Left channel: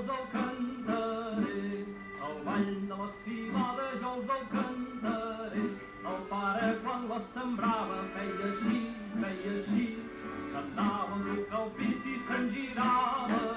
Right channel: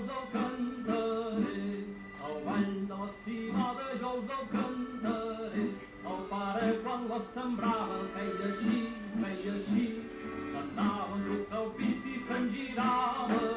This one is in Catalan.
us el cantaré, el ball de la civada jo us el cantaré. El pare quan la sembrava feia així, se'n dava un truc al pit i se'n girava.